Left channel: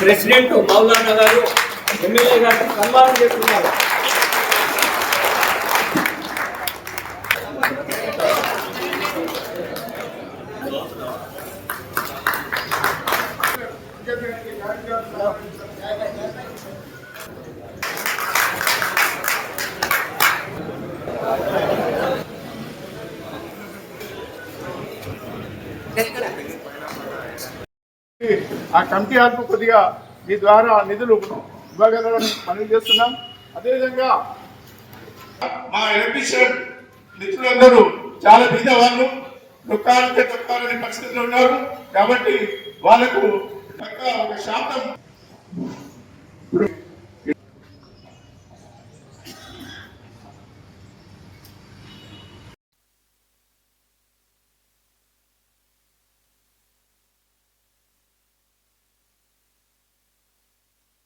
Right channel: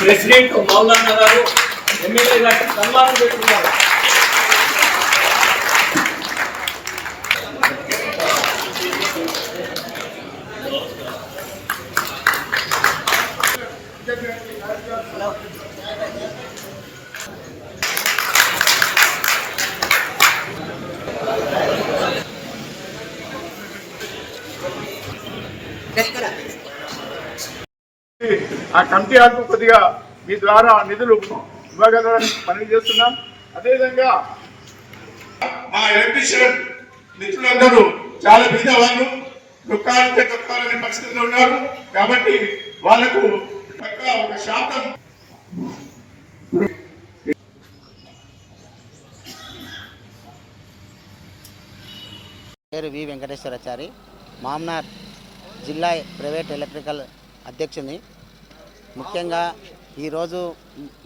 President Maulana గారు MLA గారికి సన్మానం పెట్టుకున్నారు ఆ కమిటీ వాళ్ళకు కొద్దిగా మీ ద్వారా నిధులు ఇవ్వగలరని పనులు చేస్తున్నాం. అదేవిధంగా మా ఎలక్ట్రీషియన్ మిత్రులందరూ చాలా బీద వాళ్ళు దుఃఖాలంటే దుఃఖాలనే పరిస్థితిలో ఉన్నారు. కాబట్టి వాళ్ళకు పక్క ఒక శాతం పేరు వి వెంకటేశ్వరాచారి మామ్నార్ జిల్లా ప్రైవేట్ ఎలక్ట్రికల్ అధ్యక్షుని. ముఖ్యంగా ఈరోజు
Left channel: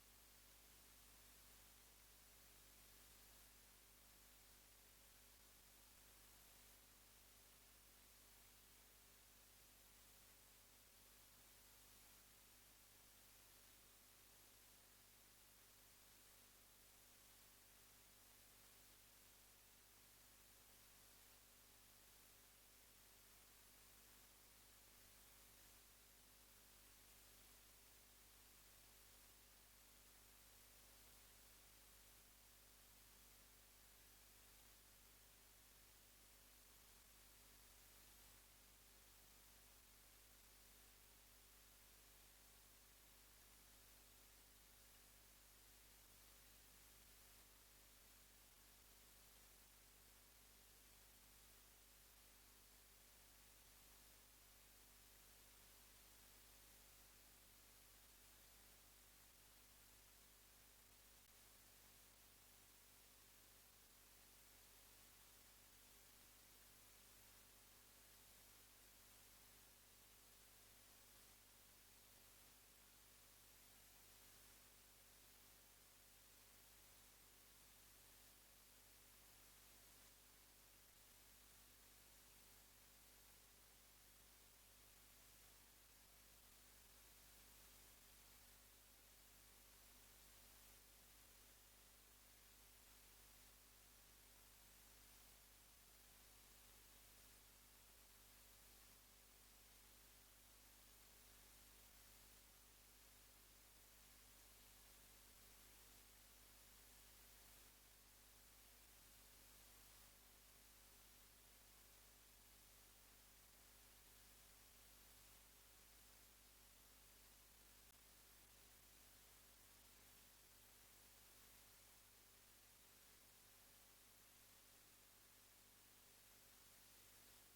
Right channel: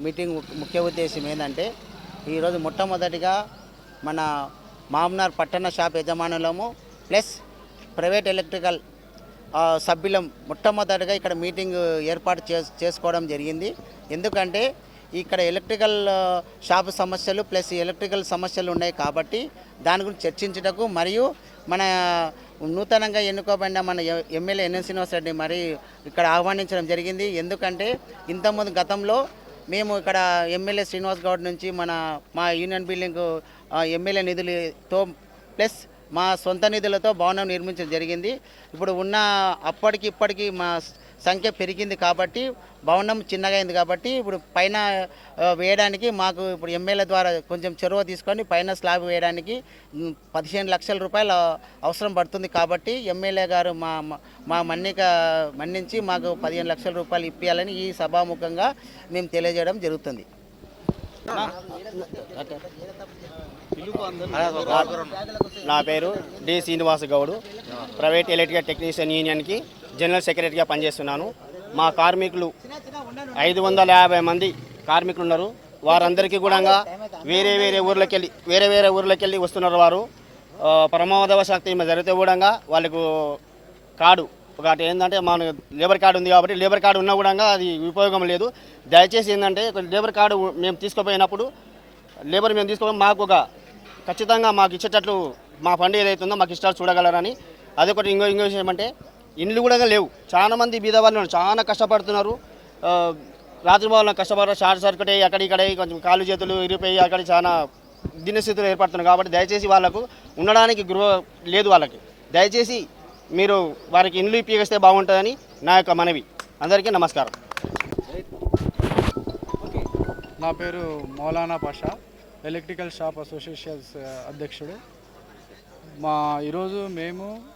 మీటింగ్ ము- ముఖ్య ఉద్దేశం ఏంటంటే ఈరోజు మొట్టమొదటిగా మన మామ్నార్ పట్టణ షాప్ యజమానులము ప్లస్ ప్రైవేట్ ఎలక్ట్రికల్ సభ్యులం మొట్టమొదటిగా ఇక్కడ మీటింగ్ ఏర్పాటు చే చేసుకోవడం జరిగింది. ఎందుకంటే ఇక్కడ ఎలక్ట్రికల్ షాపు సమస్యలు ప్లస్ ఎలక్ట్రికల్ సమస్యలు ఉన్నాయి కాబట్టి దాని గురించి చర్చించుటకు మరియు మన నూతనంగా ఎన్నుకోబడిన మన ఎమ్మెల్యే ఎన్ఎన్ శ్రీనివాస్ రెడ్డి మరి ఇక్కడ ఆహ్వానించడం జరిగింది. ఎందుకంటే ఇంతకుముందు గతంలో మేము ఇక్కడ ఎమ్మెల్యే శ్రీనివాస్ గౌడ్ నుంచి మన మా యూనియన్ బిల్డింగ్ ఎమ్మెల్యే నిధులతో ప్లస్ మా సొంత నిధులతో భవనం నిర్మించడం జరిగింది. ఇప్పుడు ఉన్న అప్పటికి ఇప్పటికీ మా సంఖ్య పెరిగింది కాబట్టి భవనం చిన్నగా అయింది కాబట్టి ఇప్పుడు పైన వేయడానికి మాకు ఇప్పుడు ఎమ్మెల్యే ద్వారా కొంచెం చొరవ తీసుకొని పైన స్లాబ్ వేయడానికి పదిహేను లక్షల రూపాయలు అవసరం పడుతుంది కాబట్టి ఎమ్మెల్యే గారు మా మా- మన్నిక మన్నించి మాకు పదిహేను లక్షల రూపాయలు ఇప్పించాలని ఈ సభాముఖంగా మేము తెలియజేయడం జరుగుతుంది. నా పేరు D. Srinivas Goud. Private electrical technician యూనియన్కి general సెక్రటరీగా పనిచేస్తున్నాను. మా కార్మికులు ఐదు వందల యాభై మంది కార్మికులు ఉన్నారు వారందరికీ కూడా వేరే వేరే ఊర్లకి వెళ్ళి వేరే వేరే ఊర్లకి వెళ్ళి వస్తున్నారు వారు. ఆ, ప్రమాదవశాత్తు జరిగితే కూడా వాళ్ళకు కార్డు ఒకటి ఏంటంటే మన లేబర్ కార్డు ఉంది కాబట్టి లేబర్ కార్డు ఉన్నా కూడా అది ఉపయోగం లేదు. దయచేసి ఏంటంటే లేబర్ కార్డు మేము తీసుకుపోయినప్పుడు లేబర్ మేము తీసుకోవడం మాకు ఒక ఖచ్చితంగా మాకు ఇచ్చేటట్లు మా ఫండ్ ఏదైతుందో మాకు ఇష్టాలు చూడగలరని. అదొకటి ఇంకో ఇంకో విషయం అంటే ఇండ్లు కూడా లేవు. చాలా మంది బీద వాళ్ళు చాలా కష్టపడుతున్నారు. ఆ, రాత్రి వాళ్ళ కష్టపడారు. షార్ట్ సర్క్యూట్ అయ్యి అక్కడ ఇక్కడ కొంచెం కాళ్ళు చేతులు ఇరిపోయి అక్కడ చాలా దినస్థితులు ఏర్పడుతున్నాయి కాబట్టి దయచేసి వాళ్ళకు ఉండడానికి గృహ లేదు వాళ్ళకి. దయచేసి మీరు వారికి ఇండ్లు ఇప్పిస్తే బాగుంటుందని నా యొక్క మనవి. అందరికీ నమస్కారం. నా పేరు Maulana Pasha electrical shop associations అధ్యక్షుడు. మా ఈరోజు మేము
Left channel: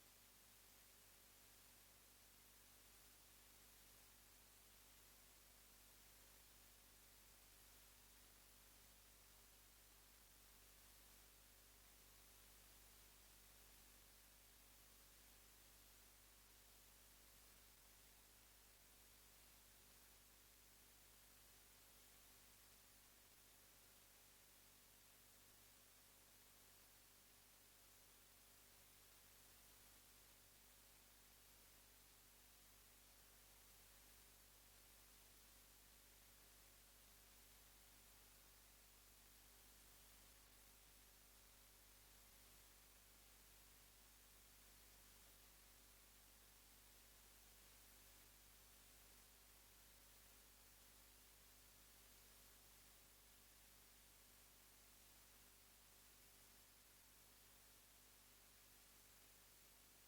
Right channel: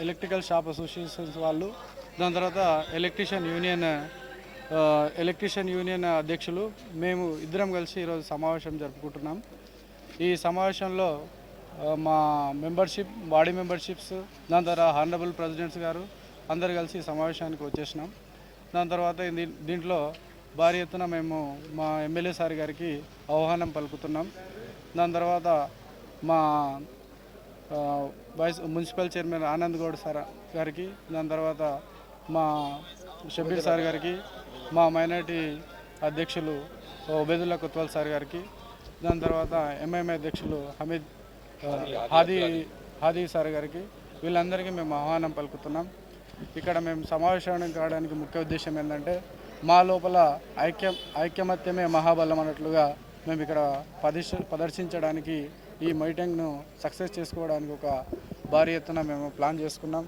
ఎలక్ట్రికల్ షాప్ అసోసియేషన్స్ వాళ్ళు దాని తర్వాత ఎలక్ట్రీషియన్ యూనియన్ ఎలక్ట్రీషియన్ యూనియన్ అధ్యక్షులు మేము ఇద్దరం కలిసి ఈరోజు సమావేశం జరుపుకుంటున్నాం. ఈ సమావేశంలో మా మెంబర్షిప్ బాడీ మెంబర్షిప్స్ దాని తర్వాత హానరబుల్ ప్రెసిడెంట్స్ గారు అందరు కలిసి సమావేశానికి వచ్చేసినాం. దాని తర్వాత దీ- దీంట్లో భారీ ఎత్తున మేము మా ఎమ్మెల్యే సార్ గారికి ఆహ్వానం పలుకుతున్నాం. దాని తర్వాత మా vice municipal chairman Anand Goud sir గారికి దాని తర్వాత మా షబీర్ సార్ గారికి మా మైనార్టీ అధ్యక్షులు ఉబేదుల్లా కొత్వాల్ సార్ గారికి దాని తర్వాత ఎంఐఎంఐ అధ్యక్షులు హమీద్ హాదీ హాదీ సార్ గారికి వీళ్ళందరికీ మేము ఆహ్వానం పలుకుతున్నాం. ఇక్కడ మేము సమావేశం కావడానికి ముఖ్య ఉద్దేశం ఏంటంటే మా లోపల ఐక్యం ఐక్యమత్యమే మహాబలం అన్నట్లుగా మేము ఇక్కడ ప్రదర్శ ప్రదర్శించడానికి ఈ మీటింగ్ను సక్సెస్ చేసుకోవడానికి ఒక భారీ ఎత్తున మేము ప్లాన్ చేసుకున్నాం.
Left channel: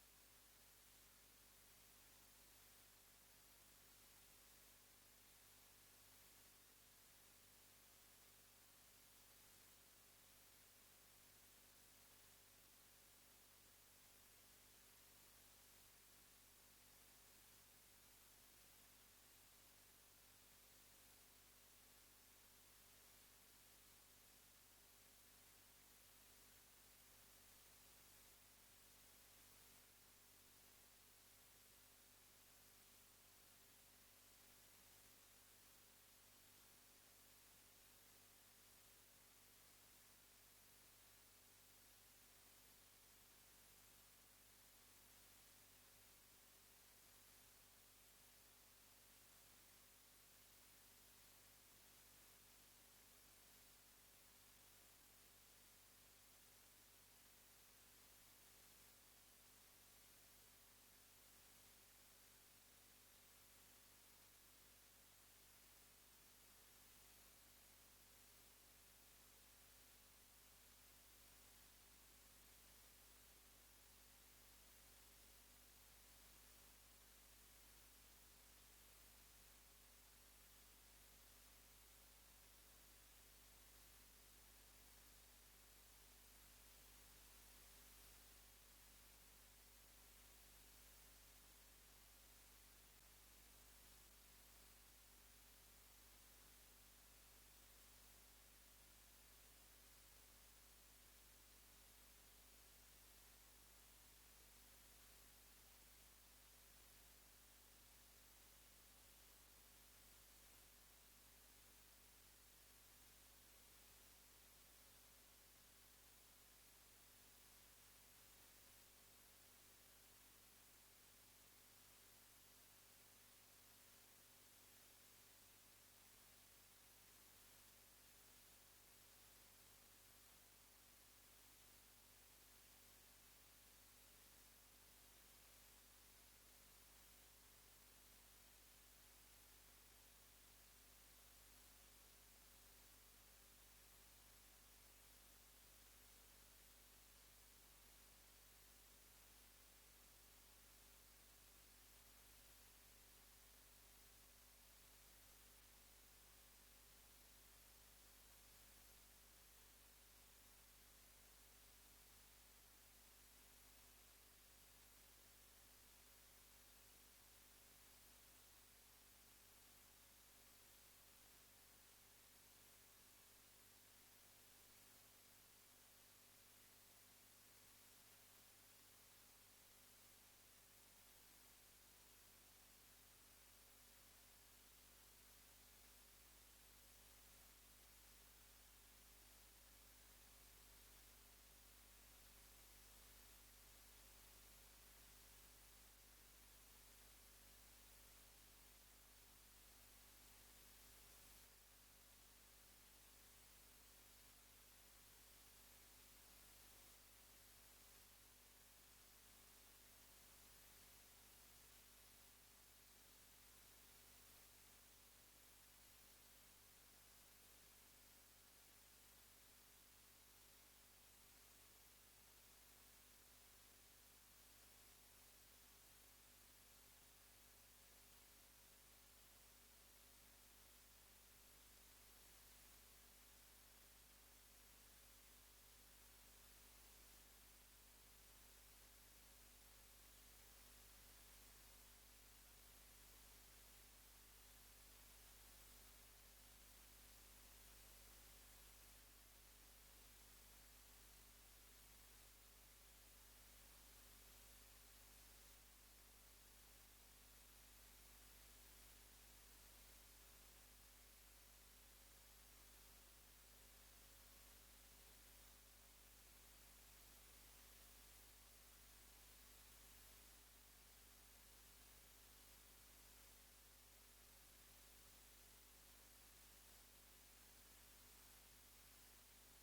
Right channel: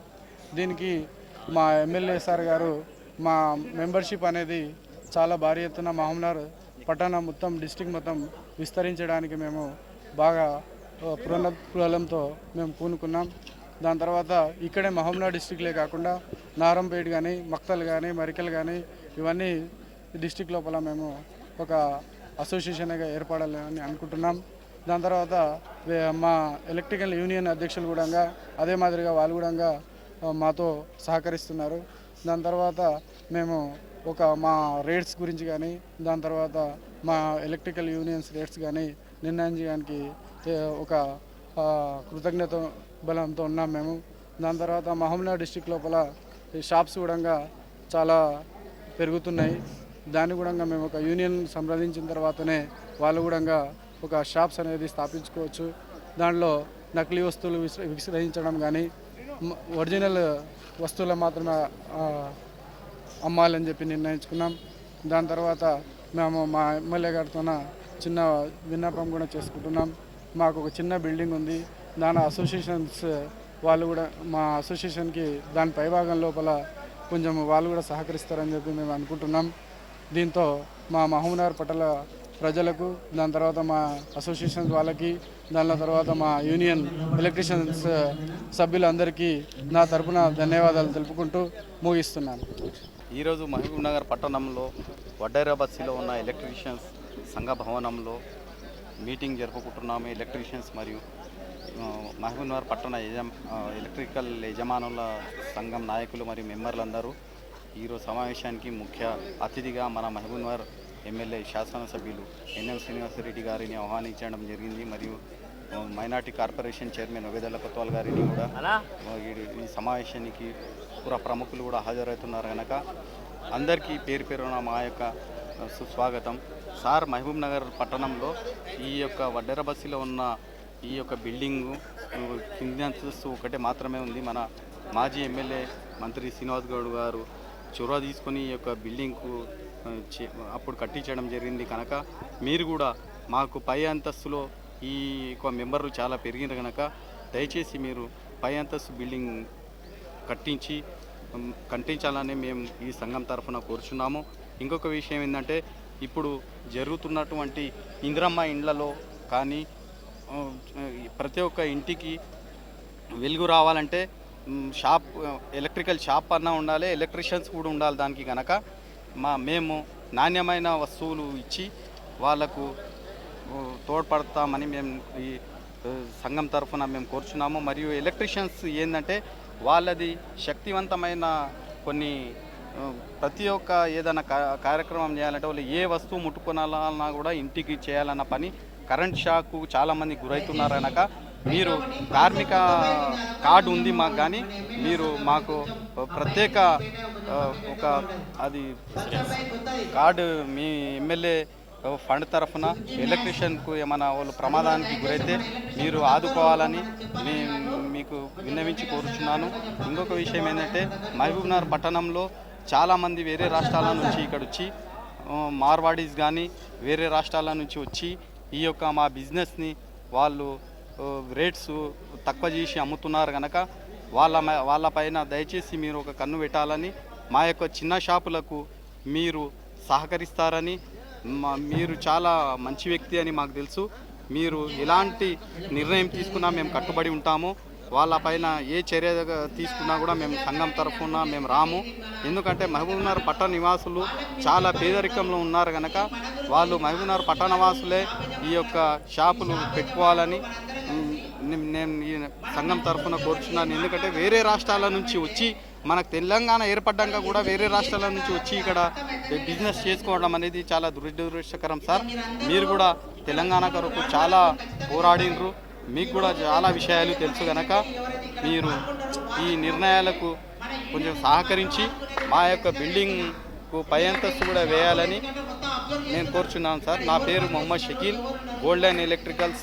దీనికి మా ఎమ్మెల్యే సార్ గారు మా మెంబర్షిప్ అనేది చాలా భారీ ఎత్తున మహమ్నార్ పట్టణం మొత్తం డిస్టిక్ మొత్తం విస్తరించడానికి మేము బాగా పునఃపులంతో మేము పూనుకున్నాం. దాని తర్వాత ఇక్కడే మహమ్నాడ్ డిస్టిక్లే కాకుండా నారంపేట్ కానీ మక్తల్ కానీ మరికల్ కానీ ఇవన్నీ డిస్టిక్ లోపల మేము ఒక అసోసియేషన్గా ఏర్పడాలని అనుకుంటున్నాం. దాని తర్వాత మా ఎలక్ట్రికల్ యూనియన్ అధ్యక్షులు కూడా అదే మాదిరిగా వాళ్ళు కూడా మాతో సహకరిస్తున్నారు. దాని తర్వాత మేము ఒక మా రేట్స్ గురించి కానీ దాని తర్వాత మా ఎలక్ట్రికల్ యూనియన్స్ రేట్స్ కానీ నిర్ణయం చేయడానికి ఒక కృతజ్ఞత బలంతో ఉన్నాం మేము. దాని తర్వాత మహబూబ్నగర్ డిస్టిక్ లోపల ఈ షాప్స్ కూడా చాలా పెరుగుతున్నాయి. దాన్ని కూడా మేము ఒక యూనియన్ సంప్రదించిన తర్వాతనే వాళ్ళు కూడా ఒక షాప్స్ అనేది స్థాపించుకోవచ్చు. దాంట్లో నకిలీ వస్తువులు విక్రయించడం కానీ ఒరిజినల్ వస్తువులు మాత్రమే అమ్మాలని చెప్పి నిర్ణయించుకున్నాం. దాని తర్వాత మేము మా ఎమ్మెల్యే గారితో చిన్న విన్నపం కూడా చేసుకుంటున్నాం. మాకు ఒక చిన్న బిల్డింగ్ ఉంది. దాని అసోసియేషన్స్ వాళ్ళు కూడా మా అసోసియేషన్కి దాని పైభాగం లోపల కొంచెం వాళ్ళు కూడా సహకరిస్తారని చెప్పి మేము అనుకుంటున్నాం. దీంతో మా మహబూబ్నగర్ పటల ప్రజలకు దాని తర్వాత మా అసోసియేషన్స్ వాళ్ళకి దాని తర్వాత మా యూనియన్ ఎలక్ట్రీషియన్స్ uh, సభ్యులందరికీ నా తరపున ధన్యవాదాలు తెలుపుకుంటూ ముగిస్తున్నాను. ఈరోజు మహబూబ్ నగర్ పట్టణంలో వడ్డైరాబాద్సీలో ఉన్న ఎలక్ట్రీషియన్స్ సంఘ భవనంలో మీటింగ్ జరుపుకుంటున్నాము. ఎలక్ట్రీషియన్స్ మరియు మహబూబ్ నగర్ పట్టణ యజమా ఎలక్ట్రికల్ యజమానుల సంఘం నాయకులు మరియు మెంబర్లందరూ ఈరోజు సమావేశానికి ముఖ్య అతిథిగా మన మహబూబ్ నగర్ ఎమ్మెల్యే శాసనసభ్యులు ఎన్ఎం శ్రీనివాసరెడ్డి గారిని ఆహ్వానించడం జరిగింది. మరియు మైనార్టీ కార్పొరేషన్ చైర్మన్ ఒగేదల కొత్వాల్ గారిని కూడా ఈ- సమావేశానికి పుర ప్రముఖులు కూడా హాజరవుతున్నారు కనుక అందరికీ పేరు పేరున మా యొక్క సుస్వాగతం. సార్ మహబూబ్ నగర్ పట్టణంలో ఈ యొక్క వడ్డెర బస్సులో ఉన్న ఈ యొక్క బిల్డింగు కింది ఒకటే మాత్రమే ఉంది. మన మాజీ ఎమ్మెల్యే మంత్రి శ్రీనివాస్ గౌడ్ గారు చొరవ తీసుకొని ఈ యొక్క బిల్డింగ్కు చే- అప్పుడు కట్టించడం జరిగింది కనుక మీరు కూడా మాకు పై అంతస్తులో ఈ యొక్క మెంబర్లు చాలా పెరిగిన కనుక దయచేసి మీరు పై అంతస్తు బిల్డింగ్ కట్టించి కట్టించాలని మేము ఈ సంఘం తరఫున కోరుచున్నాము. ఇంకొక విషయం ఏంటంటే ఇప్పుడు జరుగుతున్నటువంటి ఇందిరమ్మ ఇండ్లలో కానీ ప్రతి ఒక్క ఇంటికి వెలుగు రావాలంటే షాప్ ఎలక్ట్రికల్ షాప్ అన్నా ఉండాలి ఎలక్ట్రీషియన్స్ కూడా ఉండాలి దానికి కనుక మా మేము నాణ్యమైన వస్తువులు ఇచ్చి వాళ్ళకు తోడ్పడతామని మేము ఈ సంఘం తరఫున మేము కోరుచున్నాము. మరియు ఎలక్ట్రీషియన్స్ ఏంటంటే వాళ్ళది శక్తివంతమైన కొన్ని ప్రతి ఒక్క ఏదైనా కార్యక్రమం చేయాలంటే వాళ్ళు ఏ వస్తువు ముట్టుకోనాలన్నా కూడా ఇంటికి చేయాలన్న పని. కరెంట్ షాకు చాలామంది గురవుతున్నారు మీరు కార్మిక కార్డు ఉంది మాకు కానీ మీరు మాకు ప్రత్యేక ఒక అది కార్డు మీ ఎమ్మెల్యే ఫండ్ తరఫున ఎలక్ట్రీషియన్కు ఏమైనా వాళ్ళు ప్రమాదానికి గురైతే మీరు ఆదుకోవాలని మీకు విన్నవించి కోరుచున్నాను. ఇంకొక విషయం ఏంటంటే మహబూబ్నగర్ పట్టణంలో చాలామంది వేరే రాష్ట్రాల నుంచి ఇక్కడ వచ్చి మార్వాడీస్ కానీ వేరే రాష్ట్రాల నుంచి వచ్చి ఈ యొక్క మా బిజినెస్ని వాళ్ళు రేట్స్ తక్కువ చేసి అమ్ముతున్నారు కనుక వాళ్ళ మ- వాళ్ళపైన దయచేసి మీరు ఒక కన్ను పెట్టాలని మా యొక్క చిన్న షాపులకు మీరు సహకరిస్తారని మీరు చాలా మంచి వ్యక్తి అని మాకు తెలుసు. మీరు ఎలాంటి నిర్ణయం తీసుకున్నా మేము కట్టుబడి ఉంటాము. వాళ్ళపైన ఏ చర్య తీసుకున్నా కూడా మేము సంఘం తరఫున మేము రాము. ఎందుకంటే మహబూబ్నగర్ పట్టణ నివాసులు చాలా పేదరికంలో ఉన్నారు కనుక వాళ్ళు మహబూబ్నగర్ పట్టణ వాసులే ఈ యొక్క షాపులు పెట్టుకోవాలని నేను- నేను ఈ సంఘం తరఫున కోరుచున్నాను. ఎందుకంటే వేరే రాష్ట్రాల నుంచి వచ్చి మనకు తెలంగాణ ఏర్పడ్డాక కూడా వేరే రాష్ట్రాల నుంచి వచ్చి ఇక్కడ బిజినెస్ చేసుకోవడం అనేది చాలా దురదృష్టకరం సార్. మీరు కూడా తెలంగాణ కొరకు చాలా పోరాడినరు. మీకు కూడా చాలా విషయాలు తెలుసు కనుక మీరు ఈ నిర్ణయాలకు కొంచెం సహకరించి మా యొక్క బిల్డింగ్కు పై అంతస్తు కూడా వేయాలని నేను కోరుచున్నాను సార్. నా పేరు మొహమ్మద్ షకీల్ గోల్డెన్ ఎలక్ట్రికల్స్